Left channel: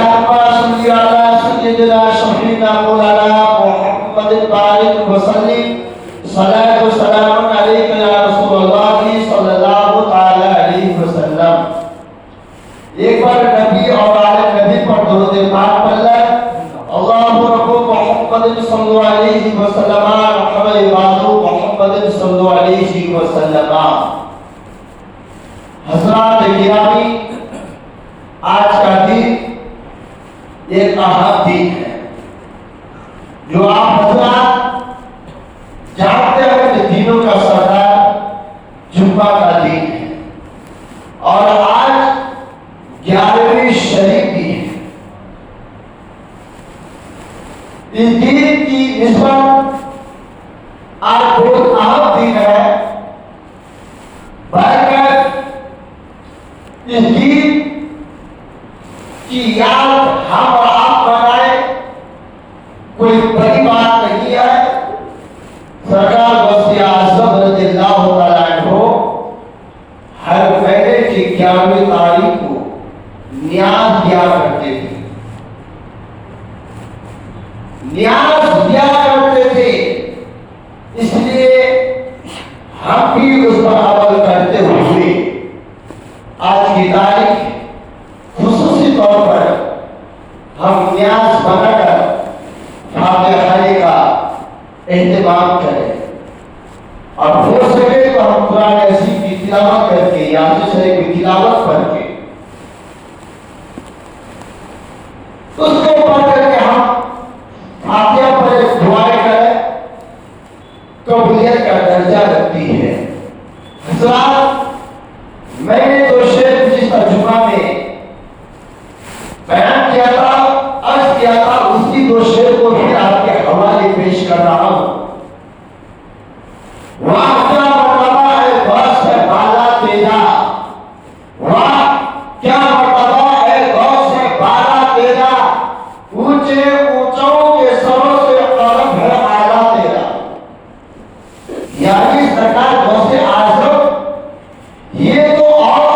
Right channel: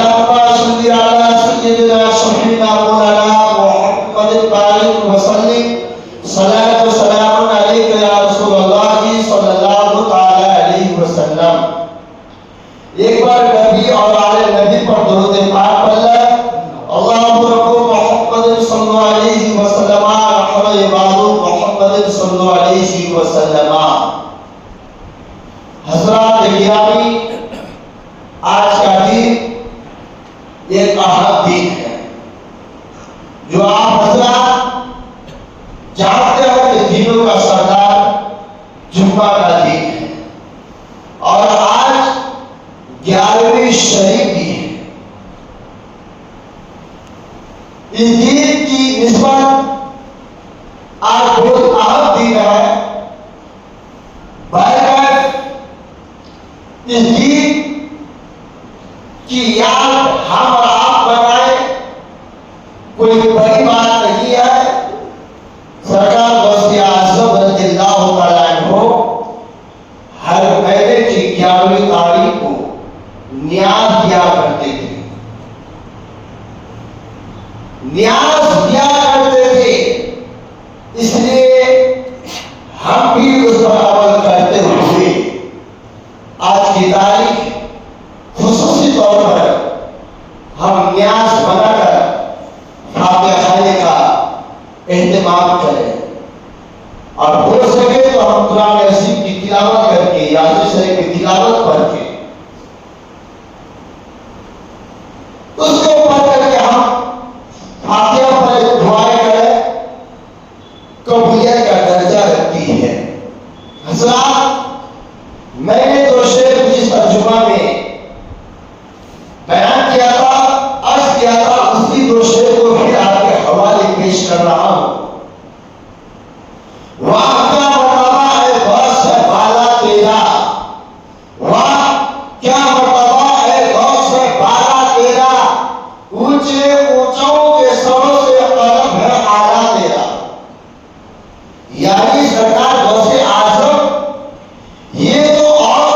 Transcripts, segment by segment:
اللهم صل على سيدنا شفيعنا مولانا محمد البارك وسلم صلاة وسلام عليك يا رسول الله صلى الله تعالی علیہ وسلم. ایک بار نبی اور آل نبی پر درود پاک پڑھ لیں. اللهم رب محمد صلی اللہ علیہ وسلم رحم عباد محمد صلی اللہ علیہ وسلم. حضرات گرامی، آج کا دن ایک اہم دن ہے جو آپ حضرات جانتے ہیں کہ دنوں کا سردار جمعہ کا دن ہے اور آج 11ویں شریف بھی ہے. اس دن کی نسبت آج بہت اہم دن ہے. برکت اس دن کی یاد ہم اور آپ بنائے کوئی بڑی بات نہیں ہے. سرکار غوث اعظم رضی اللہ تعالیٰ عنہ ہر مہینے کی 11ویں تاریخ کو نیاز دیا کرتے تھے. نیاز دیا کرتے تھے، اس لیے ہم بھی اس پر عمل کرتے ہوئے آج کی تاریخ خصوصی طور پر ہم نیاز بنا کر فاتحہ خانے کا اہتمام کریں اور ہو سکے تو ہم قرآن عظیم کی تلاوت کر کے یاسین شریف کی تلاوت پڑھ کے اس کو پڑھ کر کے ہم فاتحہ پر دعائیں کریں. قبولیت کا درجہ رکھتی ہے. حضرات، میں نے تو شعر گزشتہ جمعہ میں بیان کیا تھا، عرض کیا تھا، اسی دو شعر کو پھر آپ کے حوالے پیش کر رہا ہوں. واہ کیا مرتبہ ہے غوث سے بالا تیرا، واہ کیا مرتبہ ہے غوث سے بالا تیرا، اونچے اونچوں کے سروں سے قلم ہے اعلیٰ تیرا. یعنی سرکار غوث اعظم یہ تو اور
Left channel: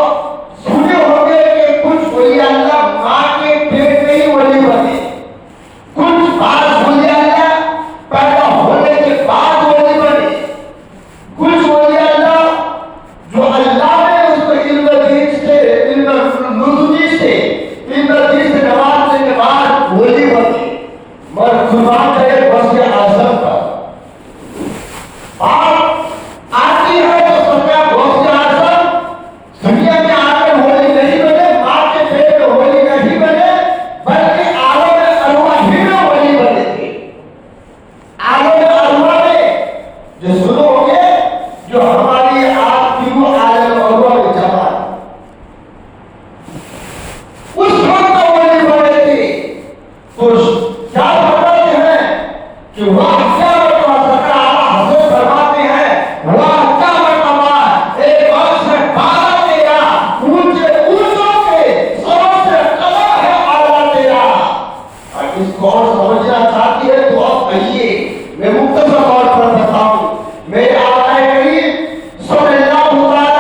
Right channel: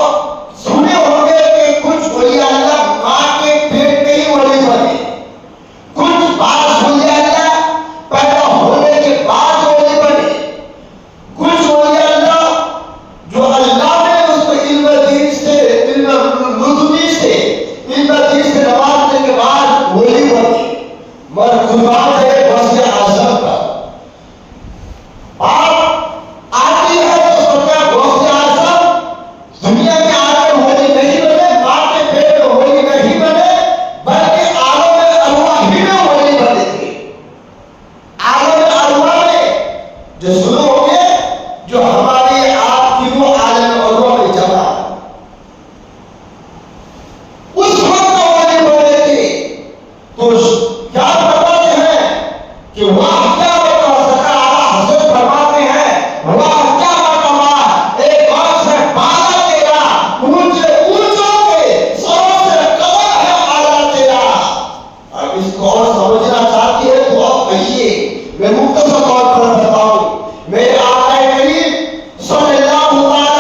سنے ہوں گے کہ کچھ ولی اللہ ماں کے پیٹ میں ہی ولی بنے، کچھ بعض ولی اللہ پیدا ہونے کے بعد ولی بنے، کچھ ولی اللہ جو اللہ نے اس کو علم دین سے علم نزولی سے علم دین سے نوازنے کے بعد ولی بنے. مگر قربان ہے غوث اعظم پر. آپ آتی ہے تو سرکار غوث اعظم دنیا میں آتے ولی نہیں بنے، ماں کے پیٹ میں ولی نہیں بنے، بلکہ عالم ارواح ہی میں ولی بنے تھے. عالم ارواح میں جو سنو گے جو ہماری آپ تینوں عالم ارواح میں جمع ہے، اس وقت ولی بنے تھے. تو کیا بتاتے ہیں کہ واہ کیا مرتبہ، سرکار اعلیٰ حضرت فرماتے ہیں واہ کیا مرتبہ ایک غوث سے بالا تیرا، اونچے اونچوں کے سروں سے قلم ہے اعلیٰ تیرا. اور اس کو اور سمجھنا چاہتی ہے تو آپ کہیے، میں مختصر طور پر بتاؤں. میرے آقا کریم صلی اللہ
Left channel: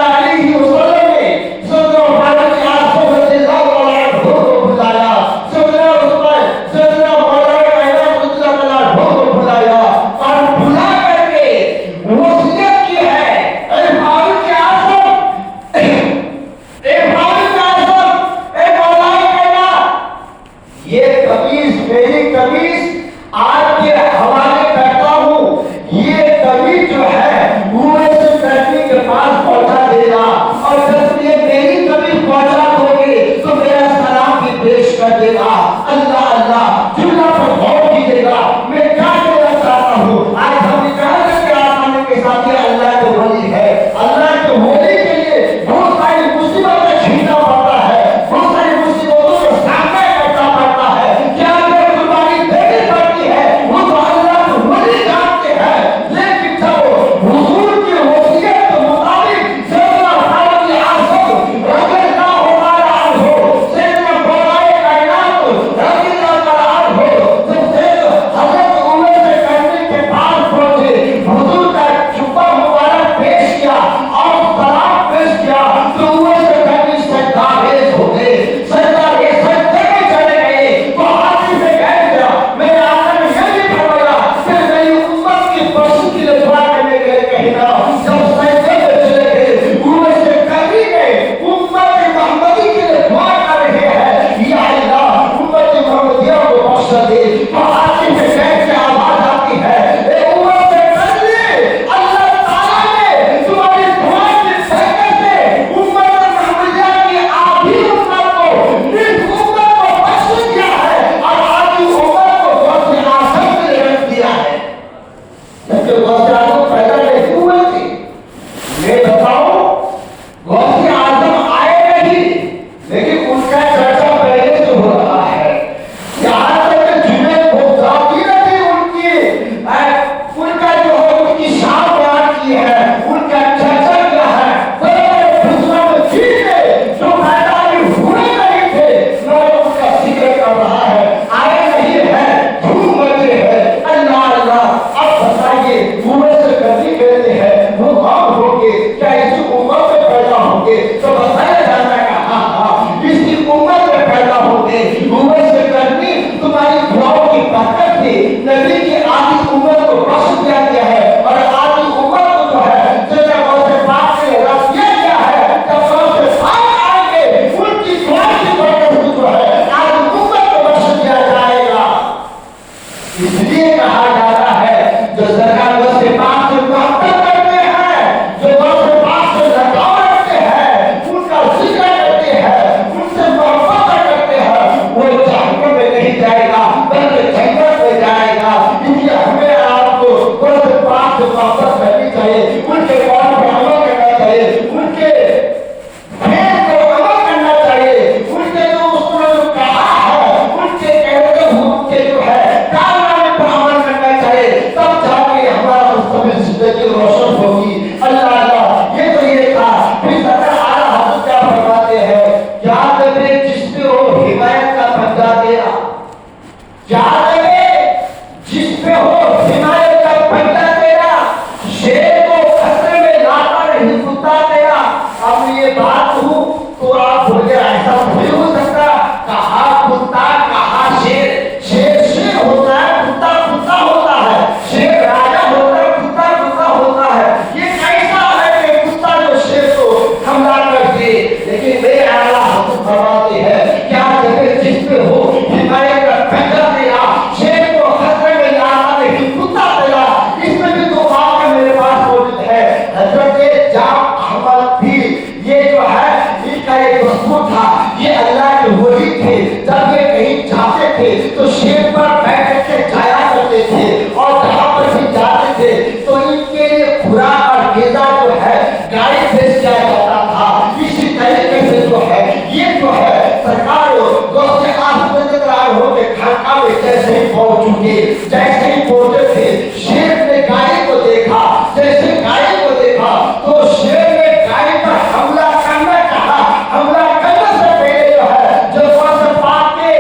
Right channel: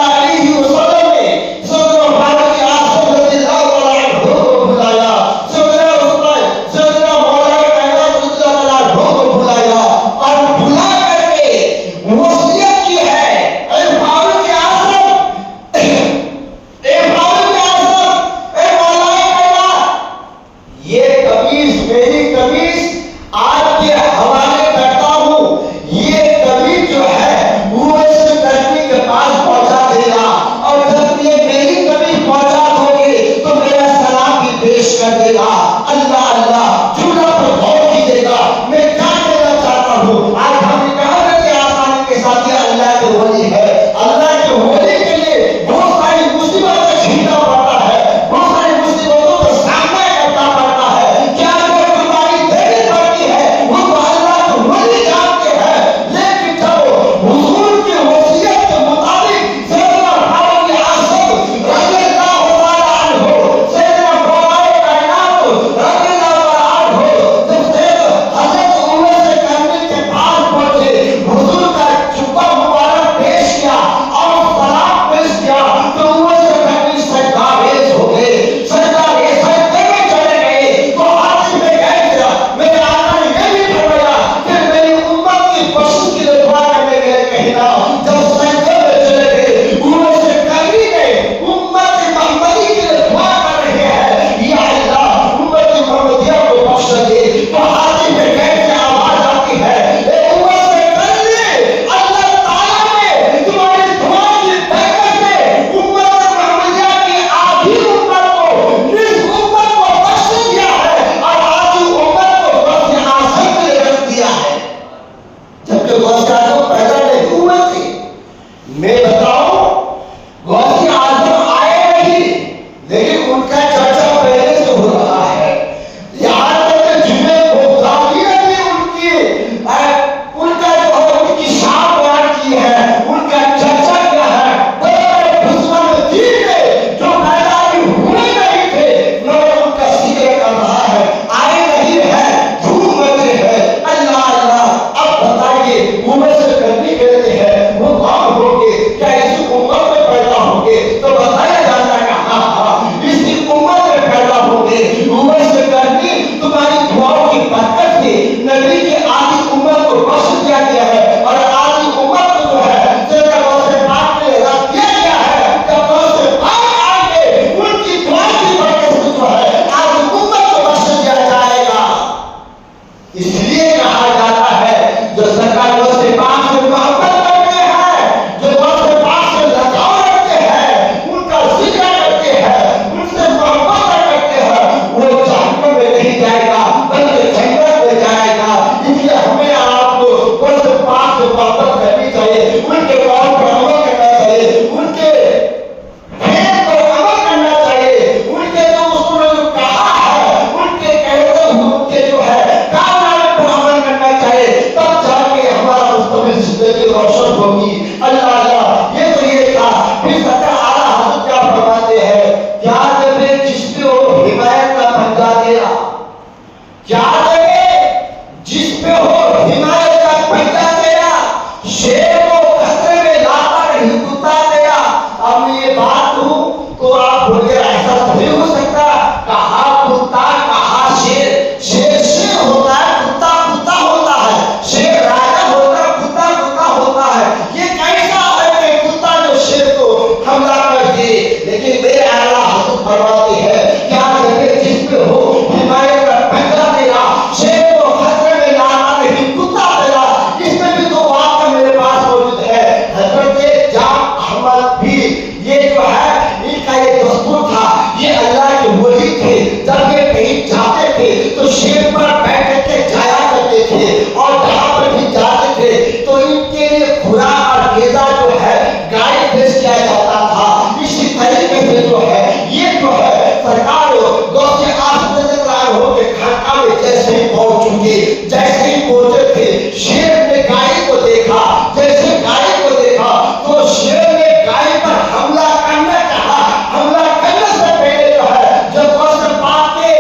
علیہ وسلم نے سیدنا فاروق اعظم رضی اللہ تعالیٰ عنہ کو بلایا، سیدنا عثمان، سیدنا مولانا کائنات رضی اللہ تعالیٰ عنہ کو بلایا اور بلا کر کے وصیت کی ہے، اے فاروق اعظم، اے فاروق اعظم، اے مولانا کائنات، یہ قمیص میری قمیص آپ کے حوالے کرتا ہوں. یہ قمیص جو ہے وہ سے کرنی کے پاس پہنچا دینا، اور جب یہ میری قمیص پہنچا دو گے تو میرا سلام بھی پیش کر دینا. اللہ اللہ جملہ پر غور کیجیے گا. میں کیا کہنا چاہتا ہوں، آج ہم نے کہا کہ آسانی کے ساتھ یہ اللہ کے ولی ہے. اللہ کے ولی کے لیے بہت ساری مصیبتیں جھیلنا پڑتا ہے، بہت ساری مصیبتوں کا سامنا کرنا پڑتا ہے. کیا جو قربانی دینی پڑتی ہے وہ تو اللہ کے ولی جانتے ہیں. لیکن جب حضور کی وصیت کے مطابق سیدنا فاروق اعظم رضی اللہ تعالیٰ عنہ، سیدنا مولانا کائنات زندگی روشن ہوگی. اللہ اللہ یہ تو یہ تھا. پھر سرکار اعلیٰ حضرت کیا فرماتے ہیں؟ یاد میں جس پہ ہو حمایت کا پنجا تیرا. یاد میں جس پہ ہو حمایت کا پنجا تیرا. شیر کو خطرے میں لاتا نہیں کتا تیرا. اب میں یہ بات ہوں تو آپ بولے ایسا نہیں ہو سکتا. کہا کتا کہا شیر. شیر شیر ہوتا ہے, کتا کتا ہوتا ہے. شیر راجا ہوتا ہے, کتا کتا ہوتا ہے. یہ کیسا ہے کہ کتا جو شیر کو حملہ کر دے؟ لیکن میرے اعلیٰ حضرت فرماتے ہیں کیا جگہ جس پہ ہو حمایت کا پنجا تیرا. شیر کو خطرے میں لاتا نہیں کتا تیرا. اس میں بھی دو واقعہ میرے پاس موجود ہے. حضرت جعفر احمد بھی یہ جو ہے ان کا یہ دستور تھا. یہ اللہ کے ولی تھے. جب یہ کہیں جاتے تھے تو شیر پر بیٹھ کے جایا کرتے تھے, اور جہاں پر بھی جاتے تھے تو ان کے لیے خوراک اور غذا جو ہے گائے بھیج دیا جاتا تھا. اسی طریقے سے جو ہے یہ جو ہے سرکار غوث اعظم رضی اللہ عنہ کے خانقاہ میں جیسے ہی پہنچ چکے, جیسے ہی پہنچے تھے شیر نے گائے کو دیکھا. جیسے گائے کو دیکھا تو شیر نے گائے پر حملہ کرنا چاہا. حملہ کرنے سے پہلے جو ہے جب غوث پاک کے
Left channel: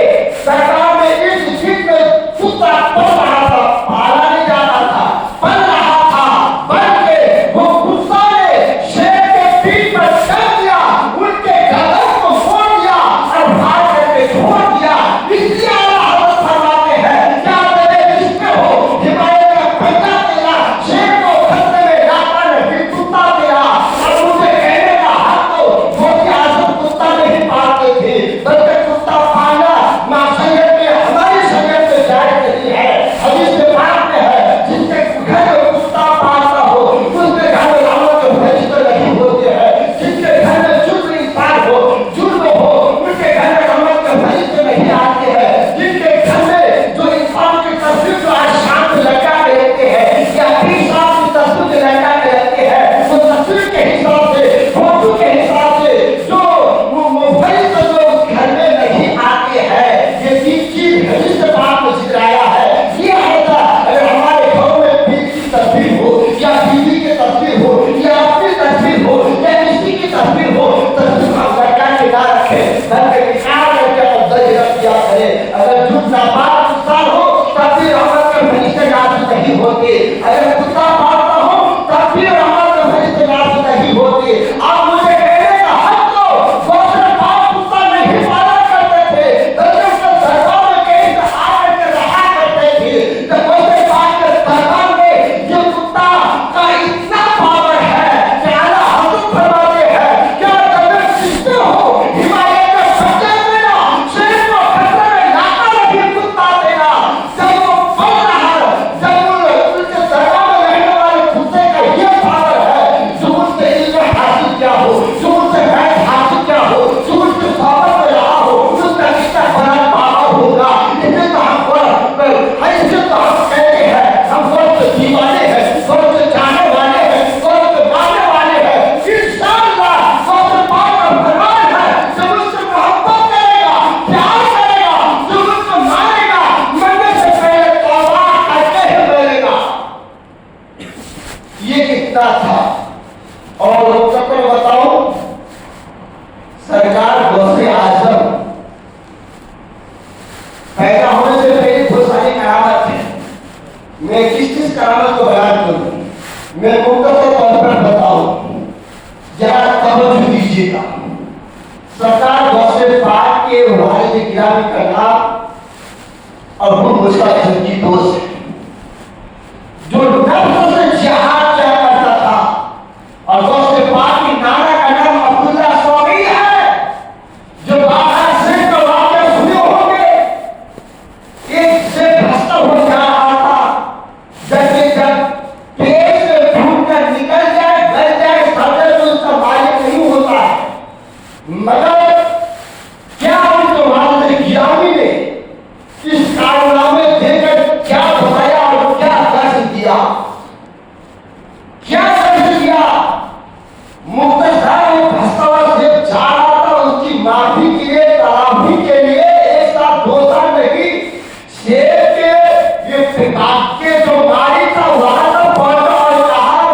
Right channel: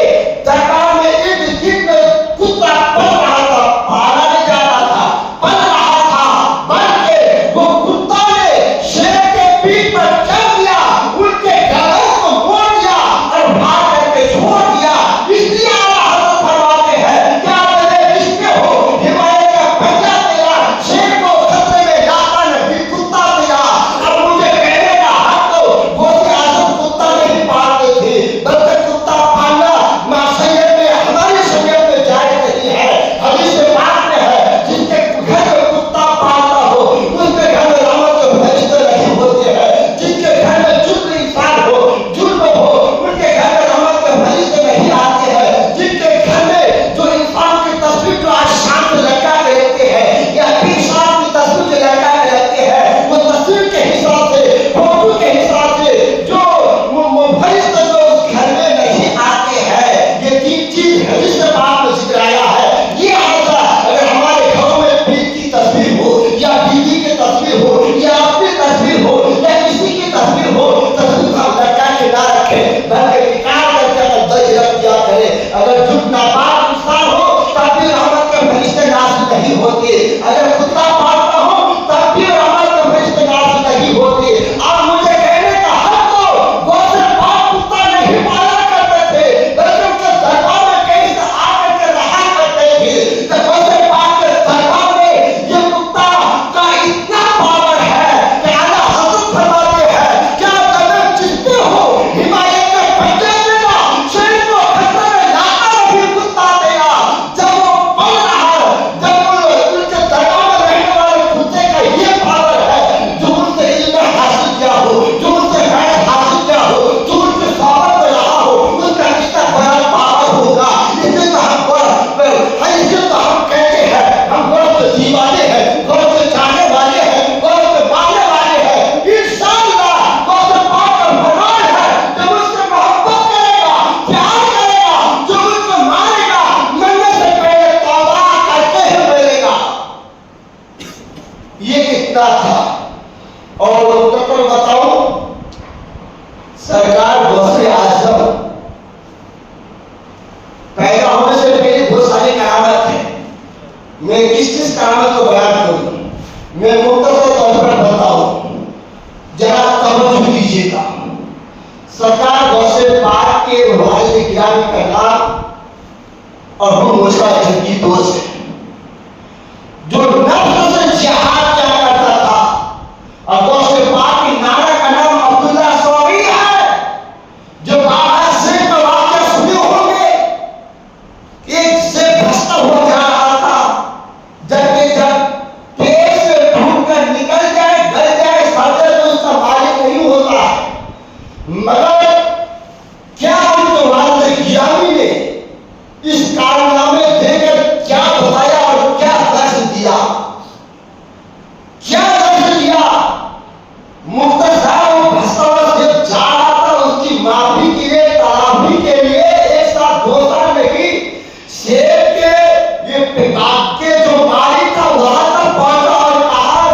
دربار میں ایک دن میں کتا پل رہا تھا, پالا نہیں جاتا تھا, پل رہا تھا, بن کے وہ کتا نے شیر کے پیٹ پر چڑھ دیا, ان کے گردن کو موڑ دیا اور بھاگ کر کے چھوڑ دیا. اس لیے اعلیٰ حضرت فرماتے ہیں کیا بنے جس پہ ہو حمایت کا پنجا تیرا. شیر کو خطرے میں لاتا نہیں کتا تیرا. اور مجھے کہنے کا حق تو غوث اعظم کتا نہیں پالتے تھے, بلکہ کتا پالنا معصیت میں ہماری شریعت میں جائز نہیں ہے. حدیث میں پاک میں ہے جس کے گھر میں کتا پالتا ہو اس کے گھر میں رحمت کے فرشتے نہیں ہوتے ہیں. جس کے گھر میں جرم انسان ہو, جرم ہو, ان کے گھر میں رحمت کے فرشتے نہیں آتے ہیں. جن کے گھر میں جو انسان کی تصویر جو آج شام میں لگا کے رہتے ہیں یا پھر شام کی تصویر جو لگا کے رہتے ہیں, تو تصویر کے حساب سے, فوٹو کے حساب سے جو فرشتے جو اس گھر میں نہیں آتے ہیں, یہ تین چیز حدیث سے پاک میں ذکر آیا ہے. یہ ہوتا اگر ہمارے گھروں میں پیر کی تصویر ہو یا بیوی کی تصویر ہو یا اپنی تصویر ہو یا کسی کی تصویر ہو, تصویر ہم لگا کے نہ رکھیں بلکہ نکال کر کے اندر رکھ دیا کریں. اگر جھوٹ ناپاک انسان ہو تب بھی رحمت کے فرشتے نازل نہیں ہوتے. اگر کتا پالتا ہو تب بھی رحمت کے فرشتے نازل نہیں ہوتے. اب مجھے کہنے کا حق تو غوث پاک کتا نہیں پالا کرتے تھے, بلکہ اس کے دربار میں کہیں سے آ کر کے رہا کرتے تھے. تو غوث پاک کے دربار میں یہ کتا کا اتنا پاور ہے کہ اعلیٰ حضرت فرماتے ہیں کیا تمہیں جس پہ ہو حمایت کا پنجا تیرا. شیر کو خطرے میں لاتا نہیں کتا تیرا. جب وہ پل رہا, جب وہ ان کے دربار میں رہنے والے کتے کا یہ پاور ہے, جو ان سے علم حاصل کیا ہو, جو ان سے فیض حاصل کیا ہو, جو ان کے صحبت میں رہا ہو, اس کا رشتہ بڑا پاور ہوگا. اس لیے تو ہم حیثیت تو ہم کہتے ہیں ہم غوث کے دیوانے ہیں, غوث کے جانے والے ہیں, غوث کے ماننے والے ہیں. انشاءاللہ غوث پاک کا فرمان ہے جب اس سے محبت کرے گا, پیار کرے گا, جو اس کو مانے گا مرنے سے پہلے توبہ کرتے ہی مرے گا. یہ کتنا تھا. اور کپڑ بتاؤں, سرکار غوث اعظم پیدا ہونے سے پہلے بہت ساری کرامت ہیں. میں کس کرامت کو بیان کروں, میں مختصر طور پر بتاؤں, ذرا توجہ دیجیے گا. سرکار غوث پاک کے والد گرامی کا نام ابو موسیٰ کی دوست ہے, جو نفس سے جہاد کیا کرتا تھا. اور غوث پاک کی نانا کا نام عبداللہ سوری ہے, جو بابا سے کا واقعہ سنے ہوں گے. ایک سے بھستا ہو جا رہا تھا, جب پیٹ سے ڈھونڈ کر نکل جائے, گل جائے, صدر تو اس کا مالک نہیں ہوتا. مگر کیا ان کے والد گرامی نے اس کارنامے دے کر کیا بتایا اور کیا درس دیا, کیا درس دیا. مختصر وہ بھستا ہوا سے جا رہا تھا, اس کی معافی کے لیے, تلافی کے لیے ایک ساتھ 2 سال نہیں, شیر کے یہ باغ کے جو مالی تھا وہاں تک پہنچا اور کہا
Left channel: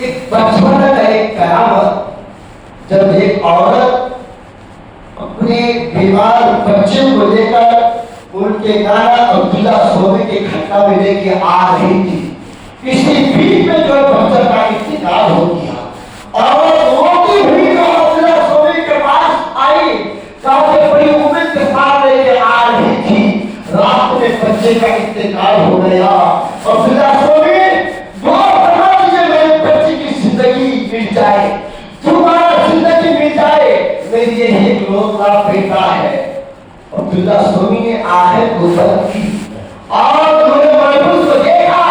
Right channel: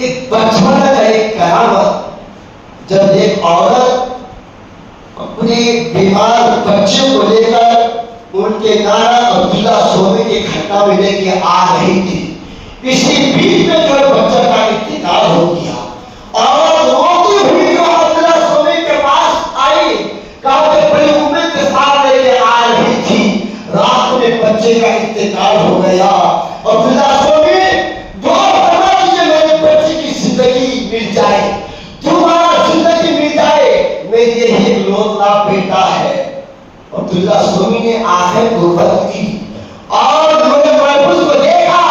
ایک بچپن کا ایک کرامت، جب ایک عورت اپنے بیمار بچے کو لے کر ان کے نانا عبداللہ صوبے کے کھٹا میں لے کے آ رہی تھی، اسی بیچ میں جو بچہ کا انتقال ہو گیا اور روتی ہوئی جو عبداللہ صوبے کے پاس آئی، کافی بڑی امید کے ساتھ لے کے آ رہی تھی، رات میں بچے کا انتقال ہو گیا۔ عبداللہ صوبے دعا فرما دیجیے میرے بچے کی زندگی مل جائے، تمہارا زندگی مل جائے، میری یہی اکلوتا بیٹا ہے۔ عبداللہ صوبی نے آہے کو بند کی اور انہوں نے محفوظ کو دیکھا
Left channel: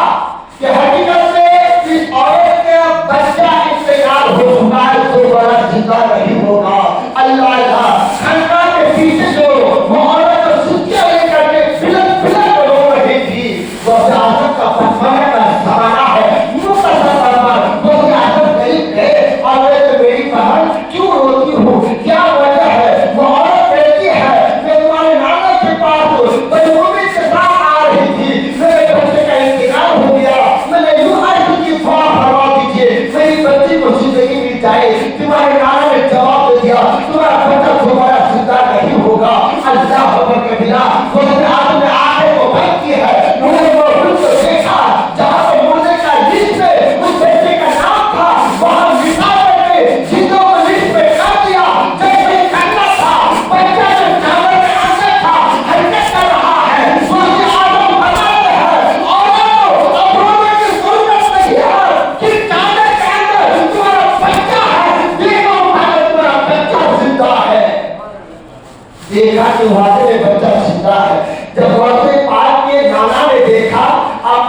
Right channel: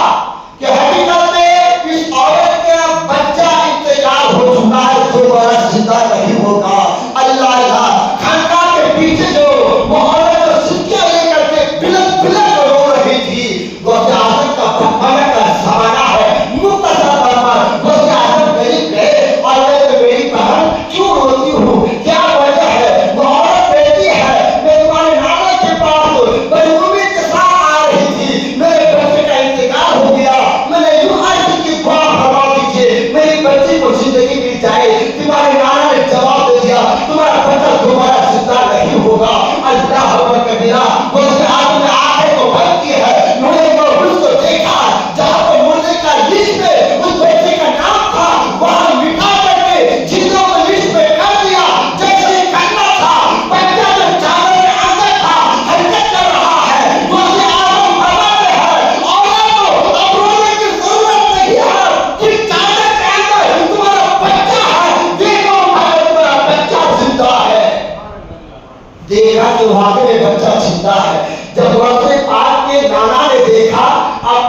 کہ حقیقت میں اس عورت کے بچہ انتقال ہو چکا ہے، دوبارہ زندہ نہیں ہوگا۔ اللہ اللہ خانقاہ کے پیچھے جو وہ عورت سکیاں لے کر کے بلند بلند رو رہی تھی، وہ اعظم کا بھٹکانے کا زمانہ ہے، مختصر طور پر وہ اعظم قریب گئے اور میری بہن کیوں روتی ہو، کیا وجہ ہے؟ وہ عورت بیٹی ہے، میں تمہارے نانا کے پاس بڑی امید کے ساتھ آ رہی تھی، میرے بچے کا انتقال ہو گیا، میں نے یوں عرض کی دعا فرما دیجیے میری بچی کو زندگی مل جائے۔ تمہارے نانا نے جواب دے دیا تمہارا بچہ دوبارہ زندہ نہیں ہوگا۔ اللہ اکبر کبیرہ، وہ آدمی نے آنکھیں کو بند کی ہے، انہوں نے محفوظ کو دیکھا جہاں پہ مردے کا لسٹ میں اس بیٹے کا نام تھا، وہاں مٹا کر کے زندوں کو لسٹ میں کر دیا جیسے کرنا تھا۔ بچہ جو جانور کے اندر تھا حرکت کر رہا ہے، دوسرے آدم بناتے ہیں، عورتوں اب رونے کی ضرورت نہیں ہے کہ جانور کے اندر تمہارا بچہ ہے، دیکھو تمہارا بچہ زندہ ہے۔ دیکھا کہ واقعی میں بچہ زندہ ہے۔ جب غوث پاک کے نانا نے دیکھا، اب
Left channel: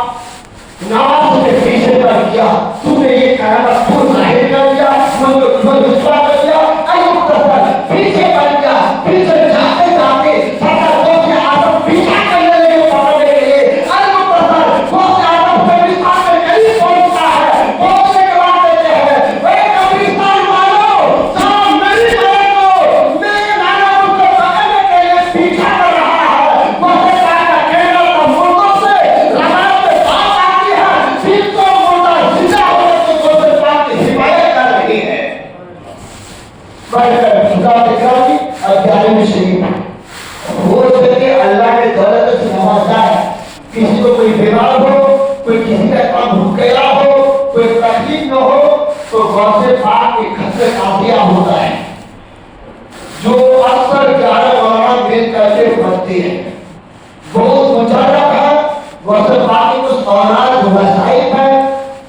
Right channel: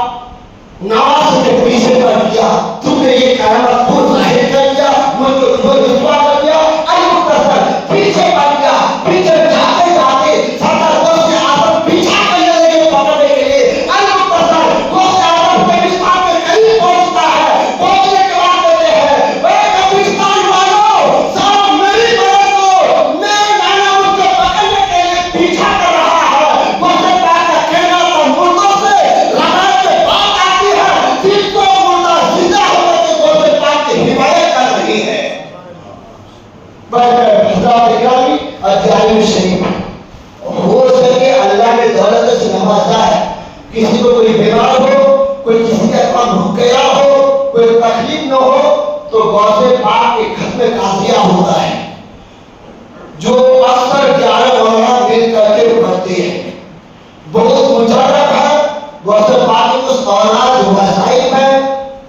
نماز کے پیچھے کر دیا، تم نے یہ قیامت کو ظاہر کر دیا، مجھے رسوا کر دیا، المختصر پیچھے کر دیا۔ پیچھے جاتے جاتے سرکار غوث اعظم پیچھا کرنے لگے پکڑنے کے لیے، المختصر غوث اعظم قبرستان کے قریب پہنچتا ہے، پہنچنے کے بعد کہتے ہیں اے قبرستان والوں، ذرا میری مدد کرو، میرے نانا مجھ کو پکڑنے کے لیے پیچھا کر رہا ہے۔ غوث پاک کا کہنا تھا مردوں سے لڑائی میں بات آتی ہے، جن کو مردہ زندہ ہونے کو غوث پاک کی حمایت کر رہی ہے۔ حضرات اکرامی ادھیائی شریف ہو سکے اللہ نے دولت سے نوازا ہے، کسی کو کوئی بیمار ہو، کوئی کسی کا کام رک گیا ہو، کوئی تکلیف نہ ہو تو غوث پاک کے خط قافیہ ہوتا ہے جو اکثر 11 مولانا مل کر کے پڑھتے ہیں۔ بہت مجرب ہے غوث پاک کے اس اولاد وظائف ہے،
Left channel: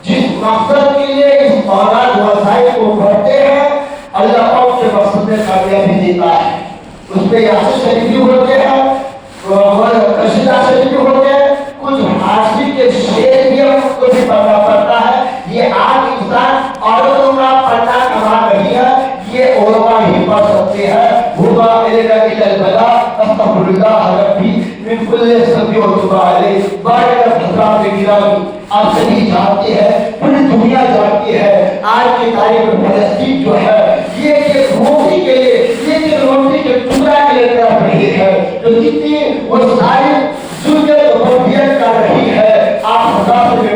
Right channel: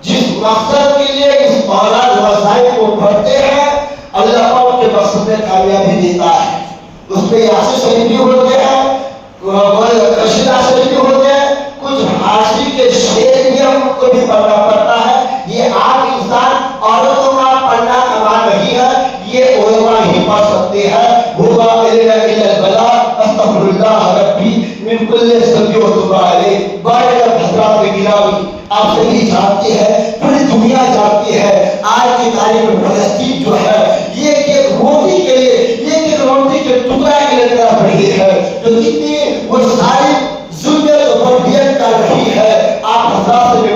جس مقصد کے لیے اس اولاد وظائف کو پڑھتے ہیں، اللہ پاک کے مقصد میں کامیابی دیتا ہے۔ اس پہ یاسین شریف بھی ہوتے ہیں، قصیدہ شریف بھی ہوتے ہیں، کچھ حاصل کے شعر بھی ہم کو بھی پڑھنا پڑتا ہے۔ یہ عام انسان عورتوں کا پڑھنا کمال نہیں ہے، یہ علماء ہی پڑھ سکتے ہیں۔ ہوگا الا البلا استغفر اللہ ربی من کل ذنب و توب علیہ۔ بارے حضرات گرامی، آپ سبھی جانتے ہیں، پوری دنیا جانتی ہے، آج کی تاریخ میں فلسطین جو ہے یہ ایک روٹی کے لیے، یہ ایک روٹی کے ٹکڑا کے لیے طرف رہی ہے، جو کتنی وسائل ضرورت و تربیت کر رہی ہے۔ آپ حضرات سے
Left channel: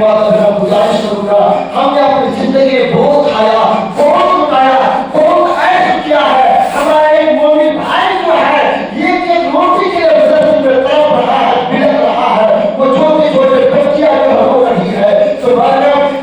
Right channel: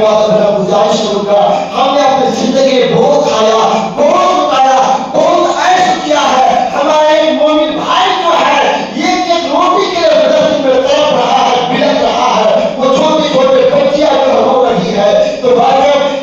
گزارش کروں گا، ہم نے اپنی زندگی میں بہت کھایا، بہت مکایا، بہت عیش کیا ہے۔ ہمارا ایک مومن بھائی جو ہے یہ ایک روٹی کے لیے فلسطین میں تڑپ رہا ہے، بلک رہا ہے، وہ چھوٹے چھوٹے بچیاں جو ہو رہی ہے۔ تو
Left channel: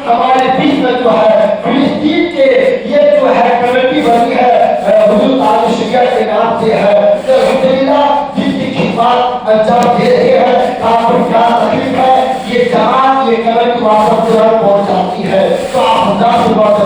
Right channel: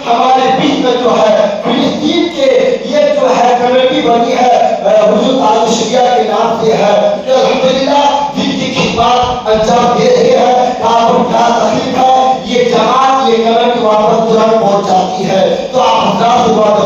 ہمارے بیچ میں جو ہے فلسطین کے یہ جو ہے کمیٹی بنی ہے حضور تعالی شریعہ کے نام سے ہے، الحمدللہ جن کی خدمات انجام دے رہی ہے۔ آپ کو کیا تکلیف ہے، یہ جماعت یہ کمیٹی واپس ترنت پہنچ جاتی ہے۔ تو آپ حضرات سے بہت